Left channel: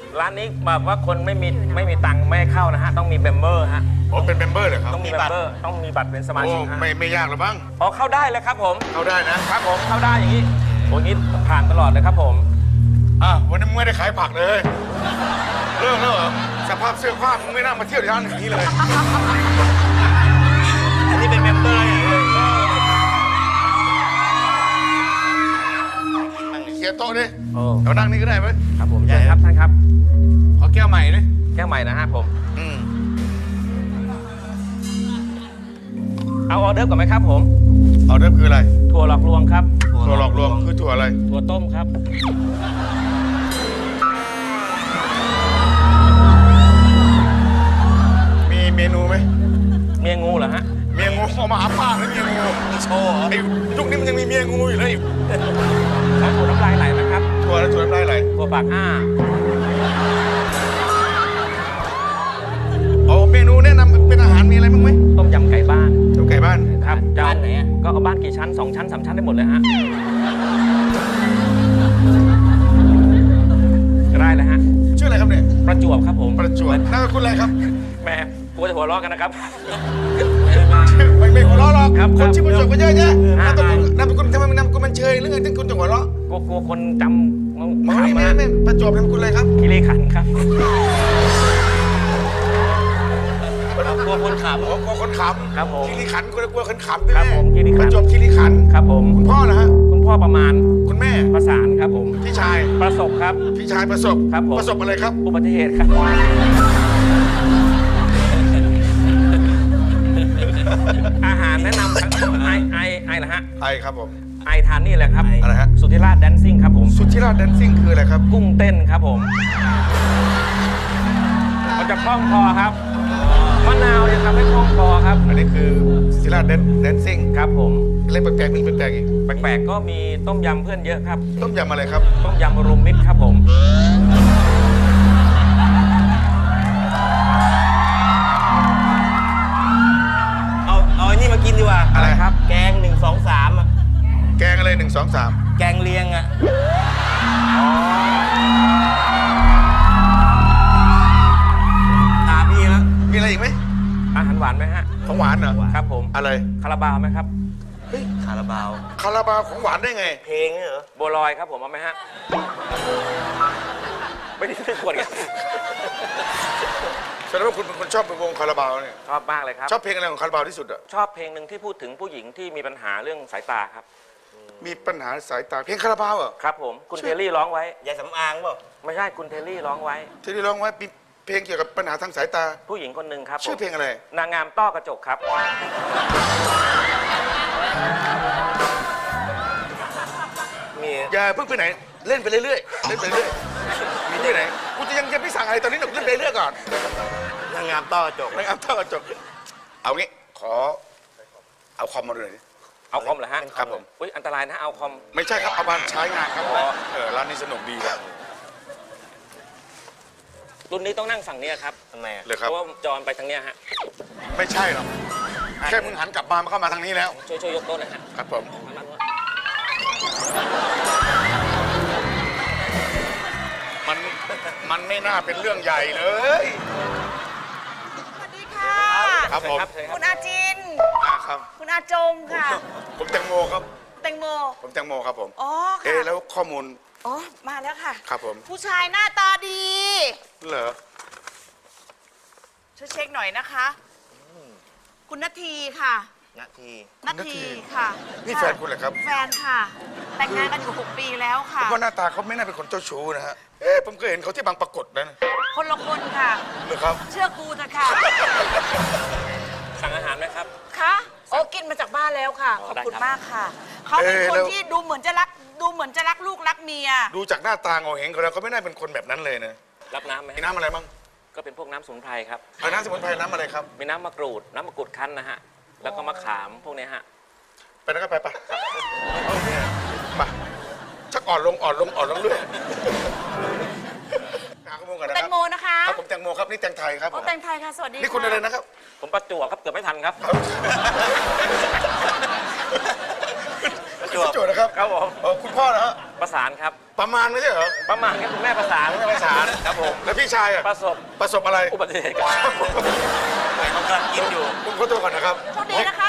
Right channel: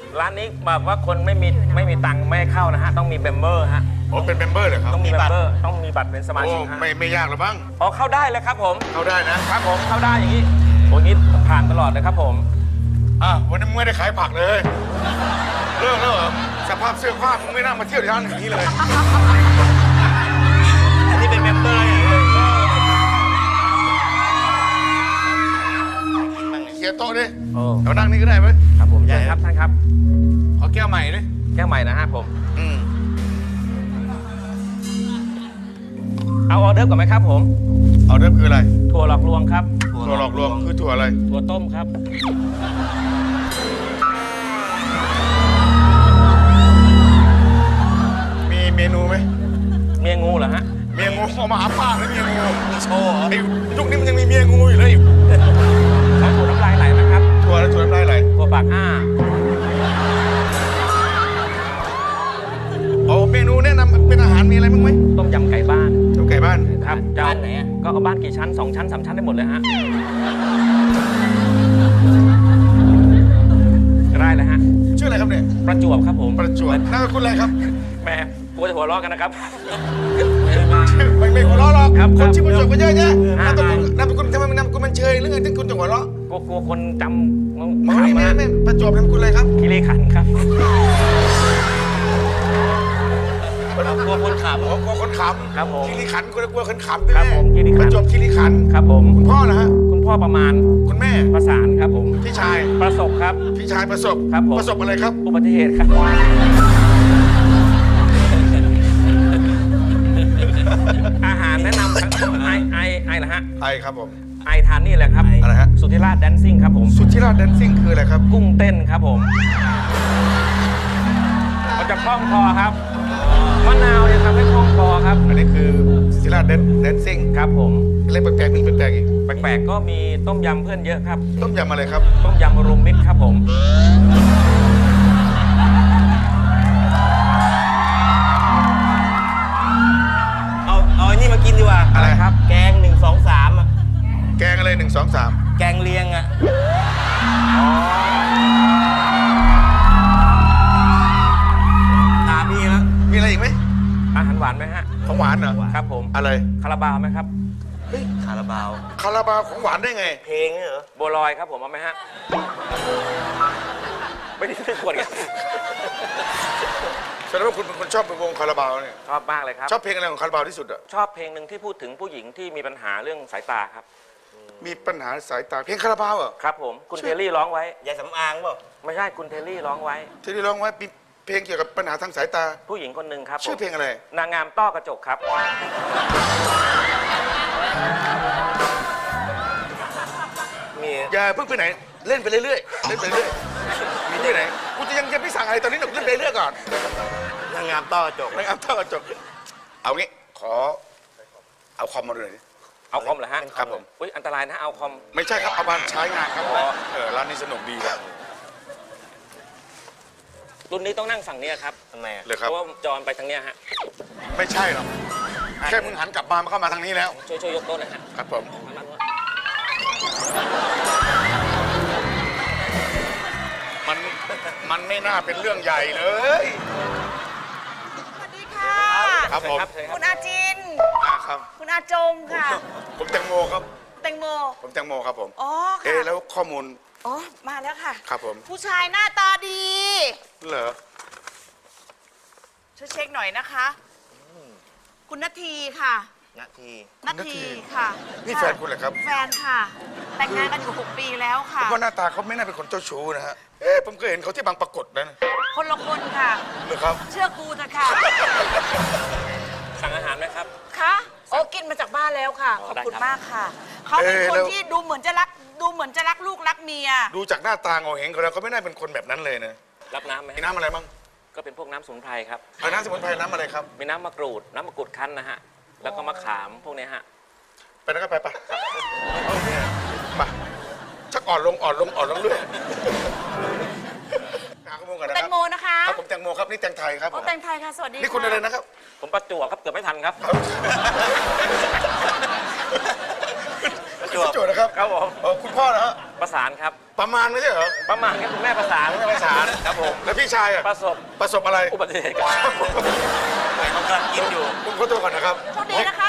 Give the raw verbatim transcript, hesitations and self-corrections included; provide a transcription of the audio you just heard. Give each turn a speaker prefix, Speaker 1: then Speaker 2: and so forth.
Speaker 1: ร้านนี้แบบว่าคนไม่มีไม่มีตังค์ไม่ให้เข้านะฮะต้องมีเมมเบอร์ฮะ
Speaker 2: อ๋อเป็นเมมเบอร์เหรอครับ
Speaker 1: ต้องมีเมมเบอร์ต้องมีบัตรเป็นสมา
Speaker 2: โอ้
Speaker 1: ชิกฮะ
Speaker 2: ไม่ไม่ยากหรอกมั้ง
Speaker 1: อ๋อเข้าได้เลยครับผม
Speaker 2: เข้าได้นะครับ
Speaker 1: ผมเข้าได้อย่างนี้โอ้ยงี้ผ่านตลอดเลยครับผม
Speaker 2: อ่ะวันนี้มึงไม่ได้ขายผักเลยเลิกแล้วเหรอสภาพเสื้อผ้ามึงไม่น่ามาเที่ยวร้านอย่างนี้เลย
Speaker 3: อันนี้เป็นเมมเบอร์อย่างเลย
Speaker 2: นั่งเคลียร์โต๊ะดิ
Speaker 1: โอ้
Speaker 2: เรานั่งนี่ก็ได้ไหม
Speaker 1: ครับผมใช่ครับท่านครับ
Speaker 2: ขอแก้วใหม่ดิ
Speaker 1: แก้วใหม่นะฮะผม
Speaker 2: อืม
Speaker 1: เอาออเดอร์ก่อนไหมครับผม
Speaker 2: เอาเริ่มคืออะไร
Speaker 1: ถั่วหลอกลวงครับ
Speaker 2: ถั่วหลอกลวงคือถั่วอะไร
Speaker 1: ถั่วต้มครับ
Speaker 2: มีเมนูไหม
Speaker 1: เมียงูเหรอฮะ
Speaker 2: เมียงูเอามาหาป้าแล้วเมียงู
Speaker 3: มีโชว์เหรอ
Speaker 2: ไอ้ยุคนี้มันยังมีเมียงูอยู่เลย
Speaker 1: แล้วถั่วน้ำลายไหลนะครับ
Speaker 2: ถั่วแล้วถั่วน้ำลายไหล
Speaker 1: ถั่วปากอ้า
Speaker 2: เอาเมนูแนะนำเป็นอาหารมีอะไรบ้างไหม
Speaker 1: ต้มยำไก่บ้าน
Speaker 2: ต้มไก่บ้าน
Speaker 1: ครับเจ้า
Speaker 3: บ้านไหนอะ
Speaker 1: ก็เอาบ้านกี่ชั้นสองชั้นสามชั้นได้หมดเลยฮะได้เลยฮะ
Speaker 2: ชื่ออะไรครับเนี่ย
Speaker 1: ประจวบครับผม
Speaker 2: ประจวบนามสกุลอะไรครับ
Speaker 1: แหม่กลัวจะหัวเราะกันนะครับ
Speaker 2: ชื่อไม่ไม่หัวเราะหรอก
Speaker 1: ครับ
Speaker 2: คนชื่อประจวบก็เยอะแยะ
Speaker 1: อ่า
Speaker 2: นามสกุลนามสกุลทำไมนามสกุลมันเชยหรือไงถึงคุณจะหัวเราะ
Speaker 1: กลัวกลัวคนจำ
Speaker 2: ไม่
Speaker 1: ขำ
Speaker 2: ไม่
Speaker 1: มา
Speaker 2: ไม่ประจวบนามสกุลอะไรครับ
Speaker 1: คิริขันธ์ครับ
Speaker 3: กลัวคนข
Speaker 2: โอ้กลัวคนขำ
Speaker 1: ครับผม
Speaker 2: คีรีขันธ์กลัวกลัวคนขำด้วย
Speaker 1: ครับ
Speaker 2: แม่
Speaker 1: ผมคีรีขันธ์
Speaker 2: ประจวบคีรีขันธ์
Speaker 1: ครับผม
Speaker 2: คุณพ่อนะฮะ
Speaker 1: คุณพ่อประมาณ
Speaker 2: คุณแม่
Speaker 1: ประสานครับผม
Speaker 2: พี่ชาย
Speaker 1: ประสบครับ
Speaker 2: พี่ชายประสบ
Speaker 1: ครับผม
Speaker 2: ประสบอะไรครับ
Speaker 1: อุบัติเหตุครับ อาหารแนะนำครับไอไอไอเหรอฮะ
Speaker 2: ไอครับผม
Speaker 1: ไอทานนี่แหละครับ
Speaker 2: อะไรฮะ
Speaker 1: สุทธิราชแดนซิ่งครับผม
Speaker 2: สุทธิราชแดนซิ่งคืออะไรครับ
Speaker 1: กุ้งเต้นครับผมมันจะคล่องคอครับมะนาวจะทำให้คล่องคอครับ
Speaker 2: อันนี้คือสุทธิราชแดนซิ่ง
Speaker 1: ครับผม
Speaker 2: อะไรแปลกๆมีแปลกๆอีก
Speaker 1: แปลกๆก็มีต้มยำเพื่อนเยอะครับ
Speaker 2: ต้มยำอะไรครับ
Speaker 1: ต้มยำรวมมิตรครับผม
Speaker 3: ำเอาเอาอันนี้มากินดีกว่า
Speaker 2: อะไรครับ
Speaker 3: แกงหนึ่งสองสามอะ
Speaker 2: แกงอะไรหนึ่งสองสาม
Speaker 3: แกงเลียงอะตาพี่แล้ว
Speaker 2: มีอะไรอีกไหม
Speaker 1: อาหารหวานไหมฮะ
Speaker 2: ของหวานเหรอ
Speaker 1: ครับผม
Speaker 2: อะไร
Speaker 1: คาราบาวไหมครับ
Speaker 3: คาราบาว
Speaker 2: คาราบาวของหวานได้ไง
Speaker 3: เพลงเนี่ยเหรอ
Speaker 1: บัวลอยครับผมเอาไหมฮะไม่ได้ซื้อขวดกัน
Speaker 2: แสดงว่าคุณเป็นคนชอบเป็นวงคาราบาวเนี่ย
Speaker 1: ชอบมากเลยครับ
Speaker 2: ชอบเพลงอะไรของคาราบาวที่สุดอะ
Speaker 1: ชอบเพลงหนึ่งที่พูดถึงผู้หญิงที่มีปัญหาเรื่องสายตาครับ
Speaker 2: มีปัญหาสายตาเพลงคาราบาวเหรอ
Speaker 1: ครับผมคุณเทลลี่ร้องไว้
Speaker 3: ยายสำอางเปล่า
Speaker 1: ไม่ใช่คุณเทลลี่ร้องไว้
Speaker 2: ที่ได้ร้องไว้มีเพลงเกี่ยวกับปัญหาทางสายตา
Speaker 1: ผู้หญิงคนหนึ่งครับผม
Speaker 2: ชื่อเพลงอะไร
Speaker 1: นางงามต้อกระจกครับ
Speaker 3: มี
Speaker 2: อย่าเพิ่งไปไหนเล่นไปเรื่อยๆเล่นไปเรื่อยมีที่ไหนกูจะยังจะไม่สั่งอะไรตอนนี้หนูเล่นไปเรื่อยก่อน
Speaker 3: นางงามต้อกระจก
Speaker 2: ไม่เอาเท่าจบเอางี้ขอเอาคอมมาดูหน่อยดิ
Speaker 1: เอาคอมเหรอฮะ
Speaker 2: ครับผม
Speaker 1: อุ้ยอันตรายนะเอาคอม
Speaker 2: ไม่ใช่ครับเอามาใช้งานครับเออร้านนี้สนุกดีครับ
Speaker 1: รุ่นนี้ต้องนั่งฝั่งเนี้ยครับ
Speaker 3: ทำไมอะ
Speaker 2: เลยค
Speaker 1: เพ
Speaker 2: รับ
Speaker 1: ราะว่าจอนไปทางเนี้ยฮะ
Speaker 2: ไม่ใช่หรอกแค่มึงหันกลับมามันเข้ามาทางนี้แล้ว
Speaker 1: ช่วยช่วยยกโต๊ะหน่อยฮะ
Speaker 2: ครับผม
Speaker 1: ทางนั้นวะ
Speaker 2: มันมันไม่น่าเป็นเรื่องใหญ่เลย
Speaker 4: สวัสดีค่ะ
Speaker 2: ครับผม
Speaker 1: เชิญค
Speaker 4: คุ
Speaker 1: รับ
Speaker 4: ณอาจิน
Speaker 2: อ่าครับ
Speaker 4: คุณอาจงค่ะ
Speaker 2: ผมแตงโมครับ
Speaker 4: แตงโม
Speaker 2: ผมแตงโมครับผม
Speaker 4: อ๋อ
Speaker 2: เอ๊ะ
Speaker 4: ค่ะ
Speaker 2: แล้วข้อมูล
Speaker 4: อ๋อ มาแล้วค่ะ
Speaker 2: ครับผม
Speaker 4: ผู้ชายหน้าตาดี
Speaker 2: เหรอ
Speaker 4: ช่วยเช็คหน่อยนะคะ คุณนาทีค่ะ
Speaker 3: นาที
Speaker 4: นาทีค่ะ
Speaker 2: นี่
Speaker 4: ค่ะ
Speaker 2: แฟนคุณเหรอครับ
Speaker 4: แฟนค่ะ แต่งงานกันอยู่หกปีแล้ว
Speaker 2: ผ
Speaker 4: ค่ะ
Speaker 2: มว่าหน้าตาเขาไม่น่าเป็นคนเจ้าชู้นะฮะเอ๊ะผมเคยเห็นเขาที่บางปรากฏนะ
Speaker 4: คนละคนค่ะ
Speaker 2: เหรอครับ
Speaker 4: เชื่อกูเถอะค่ะ
Speaker 1: สั่งอาหารไหมครับ
Speaker 4: คะโอ้กินมาจากบ้านแล้วค่ะ
Speaker 1: อ๋
Speaker 4: ข
Speaker 1: อ
Speaker 4: อบ
Speaker 1: ได้
Speaker 4: คุณ
Speaker 1: ครับ
Speaker 4: มากค่ะ เขาเป็น
Speaker 2: เอ๊ะ
Speaker 4: คน
Speaker 2: แล้ว
Speaker 4: ที่ดูเหมือนจะรัก ดูเหมือนจะรักลูกรักเมีย
Speaker 2: ดูจากหน้าตาโงเ่เฮงเขาแล้วเขาไม่น่าเป็นคนแบบนั้นเลยนะ
Speaker 1: รับน้ำไหม
Speaker 2: มี
Speaker 1: ฮะ
Speaker 2: น้ำอะไรบ้าง
Speaker 1: ก็เป็นพวกน้ำสมุนไพรครับ
Speaker 2: เอาน้ำสมุนไพรน้ำอะไรครับ
Speaker 1: มีน้ำมะกรูด น้ำมะกรูดคั้นนะฮะ แล้วก็มะขามพวกเนี้ยฮะ
Speaker 2: ไปนะก็ไปไปไปชักอ่อนลงอ่อนลงอ่อนลงเรื่อยหาข้อมูลก่อนนะ
Speaker 4: แต
Speaker 2: ครั
Speaker 4: ง
Speaker 2: บ
Speaker 4: โมนะคะ
Speaker 2: ครับผมแตงโมครับนี่แตงไทยครับผ
Speaker 4: โอ้
Speaker 2: ม
Speaker 4: แตงไทยค่ะ สวัสดี
Speaker 2: นี่คุณอะไรนะครับ
Speaker 1: ผมประจวบครับเกือบไม่ทันครับ
Speaker 2: ประจวบนะครับ
Speaker 1: ครับผม
Speaker 2: เออคุณพ่อนะฮะ
Speaker 1: ประสานครับ
Speaker 2: ประมาณไม่ใช่เหรอ
Speaker 1: ประมาณครับคุณแม่ประสาน
Speaker 2: ไม่ประสาน
Speaker 1: ครับผม
Speaker 2: แล้วพี่ชายอะ
Speaker 1: ประสบ
Speaker 2: ประสบอะไร
Speaker 1: อุบัติเหตุครับ
Speaker 3: เขากำลังกินอยู่
Speaker 2: ผมขอตัวก่อนนะครับ
Speaker 4: โชคดีนะคะ